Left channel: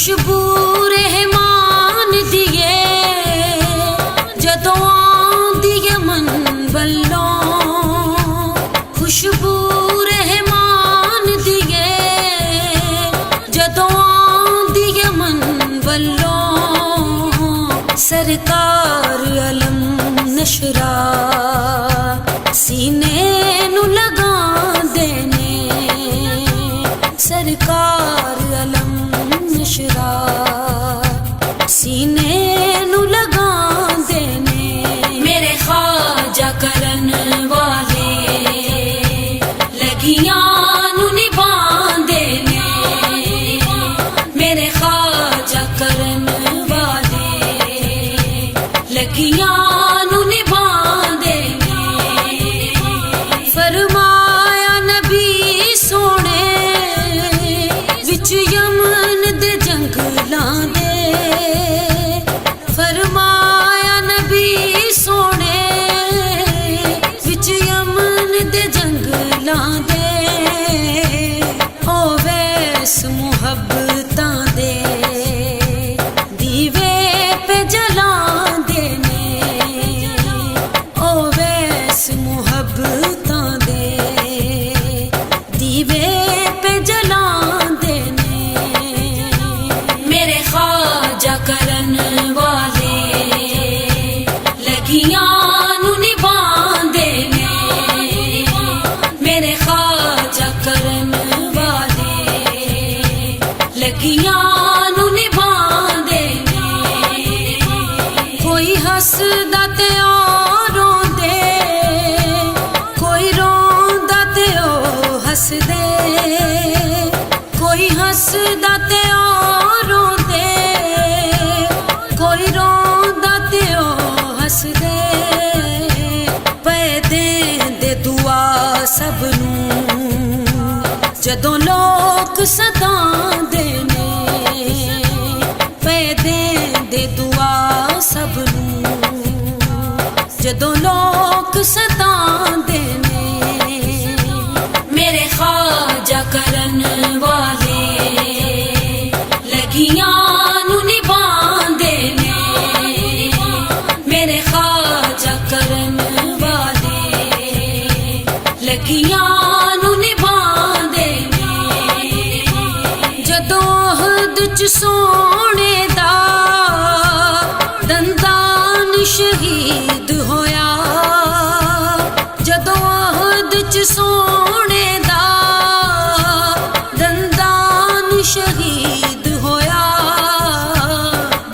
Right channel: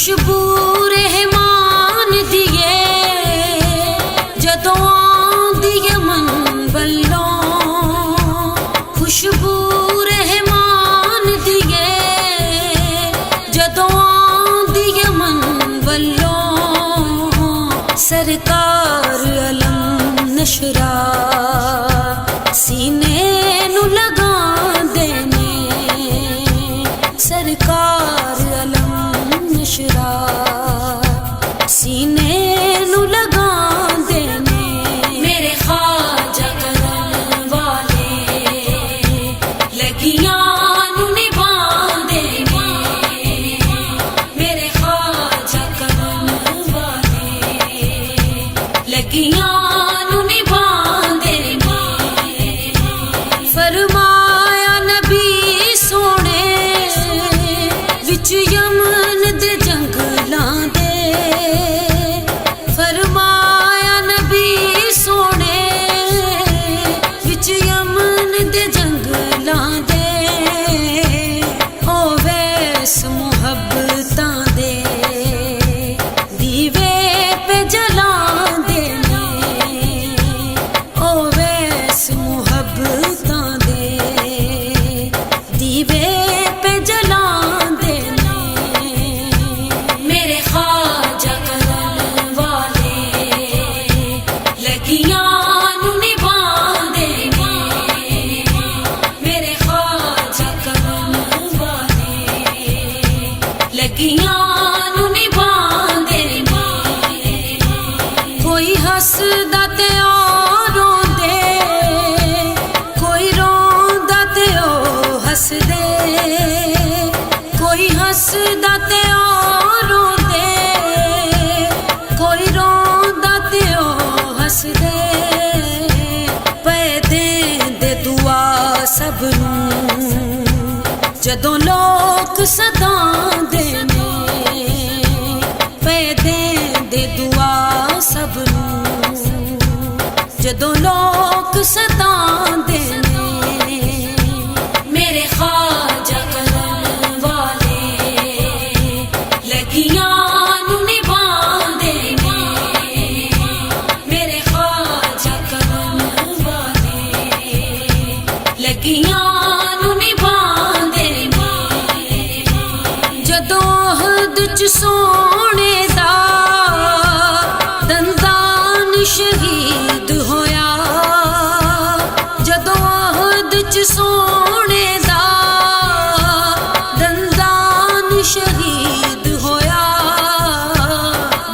خوشبو رحمان دیے جدوں آندی ہے من والوں، خوشبو رحمان دیے جدوں آندی ہے من والوں، سرکار علم نشرا سینے نو لگا دینے، سرکار علم نشرا سینے نو لگا دینے، میرے خواجہ کرن والے لگیاں نو نبھان دینے، میرے خواجہ کرن والے لگیاں نو نبھان دینے، فرمایا نبی سونے وچ یمن دے جنگلاں دے، فرمایا نبی سونے وچ یمن دے جنگلاں دے، او ویس محبتاں دے دیوے پہ جلان دینے، او ویس محبتاں دے دیوے پہ جلان دینے، میرے خواجہ کرن والے لگیاں نو نبھان دینے، میرے خواجہ کرن والے لگیاں نو نبھان دینے، کوئی ہسدا تے او روندے، کوئی روندا تے او ہس دے، کوئی ہسدا تے او روندے، کوئی روندا تے او ہس دے، پے دیندے دعا سب نوں جدوں لوک ستاں دینے، پے دیندے دعا سب نوں جدوں لوک ستاں دینے، میرے خواجہ کرن والے لگیاں نو نبھان دینے، میرے خواجہ کرن والے لگیاں نو نبھان دینے، جدوں عہد چ سونے دا دندان شہید ہویا، جدوں عہد چ سونے دا دندان شہید ہویا،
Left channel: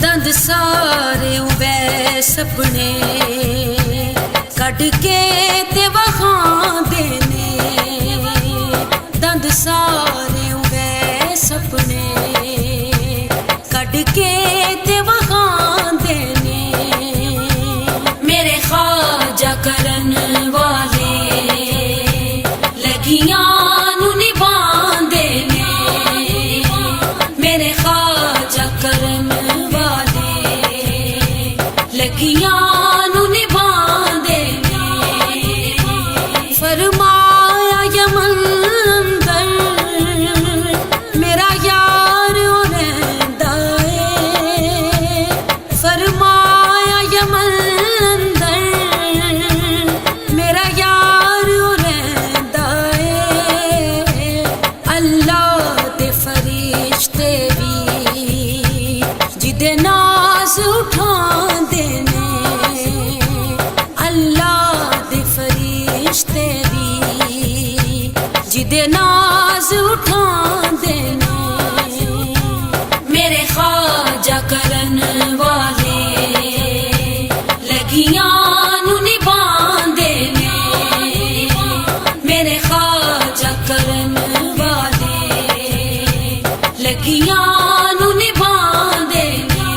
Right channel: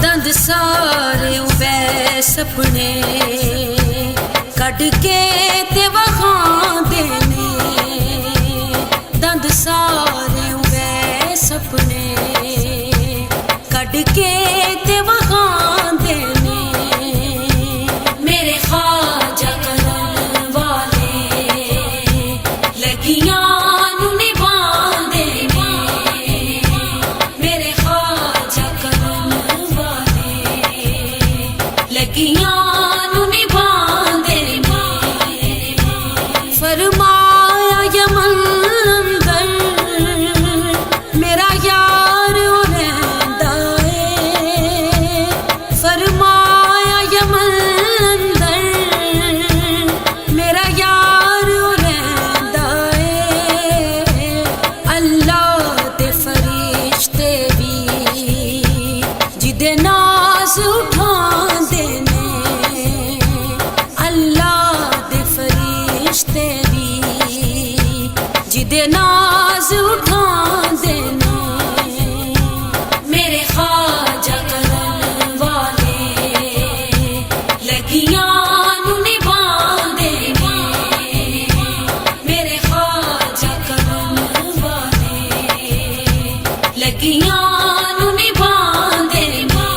دند سارے اویس اپنے کڈ کے تے وکھان دینے، دند سارے اویس اپنے کڈ کے تے وکھان دینے، میرے خواجہ کرن والے لگیاں نو نبھان دینے، میرے خواجہ کرن والے لگیاں نو نبھان دینے، فرمایا یمن اندر میرا یار رہندا اے، فرمایا یمن اندر میرا یار رہندا اے، اللہ دے فرشتے بھی جدے ناز اٹھان دینے، اللہ دے فرشتے بھی جدے ناز اٹھان دینے، میرے خواجہ کرن والے لگیاں نو نبھان دینے، میرے خواجہ کرن والے لگیاں نو نبھان دینے،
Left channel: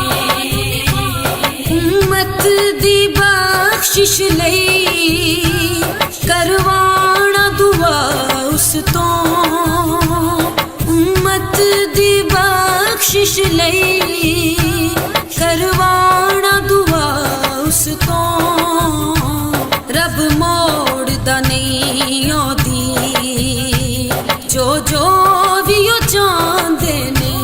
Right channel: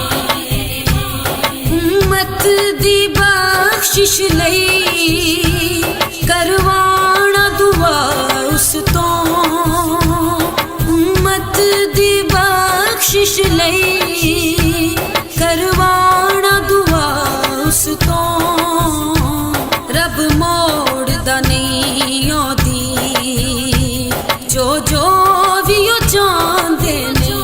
امت دی بخشش لئی کروانا دعا اس تو، امت دی بخشش لئی کروانا دعا اس تو، رب موڑ دا نہیں آدی جو بھی وہ چاہتے نے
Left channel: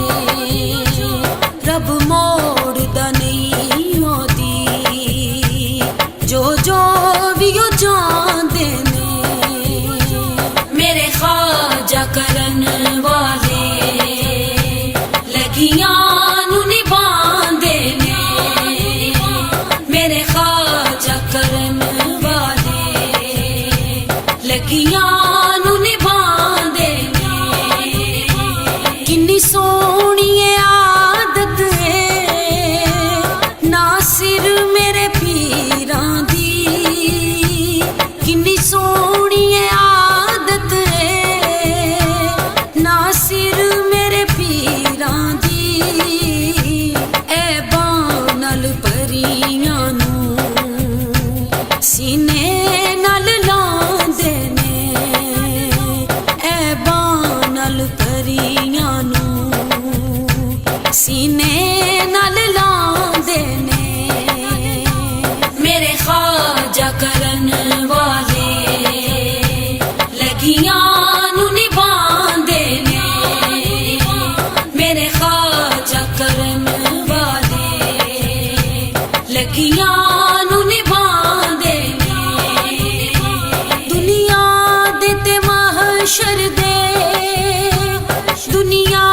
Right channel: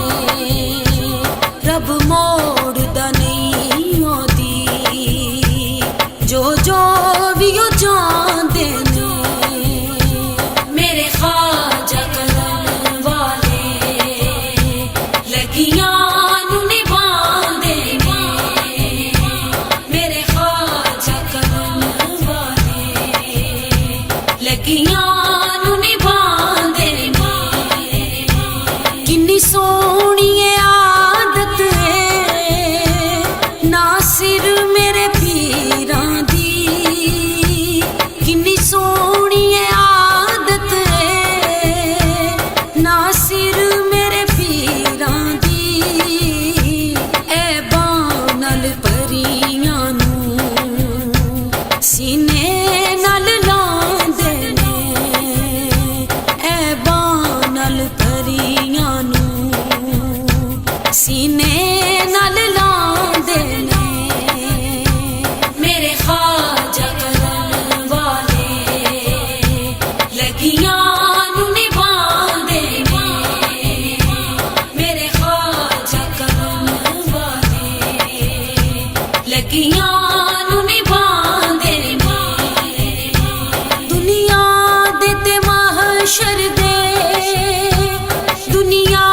लगियां नू निभांदे ने। किन्नी सोहनी आदत है नासिर मेरे पीरां दी, किन्नी सोहनी आदत है नासिर मेरे पीरां दी। ऐ बानल परियां नू सीने नल लांदे ने, ऐ बानल परियां नू सीने नल लांदे ने। मेरे ख्वाजा करन वाले लगियां नू निभांदे ने, मेरे ख्वाजा करन वाले लगियां नू निभांदे ने। दुनिया दे ते महशर दे, दुनिया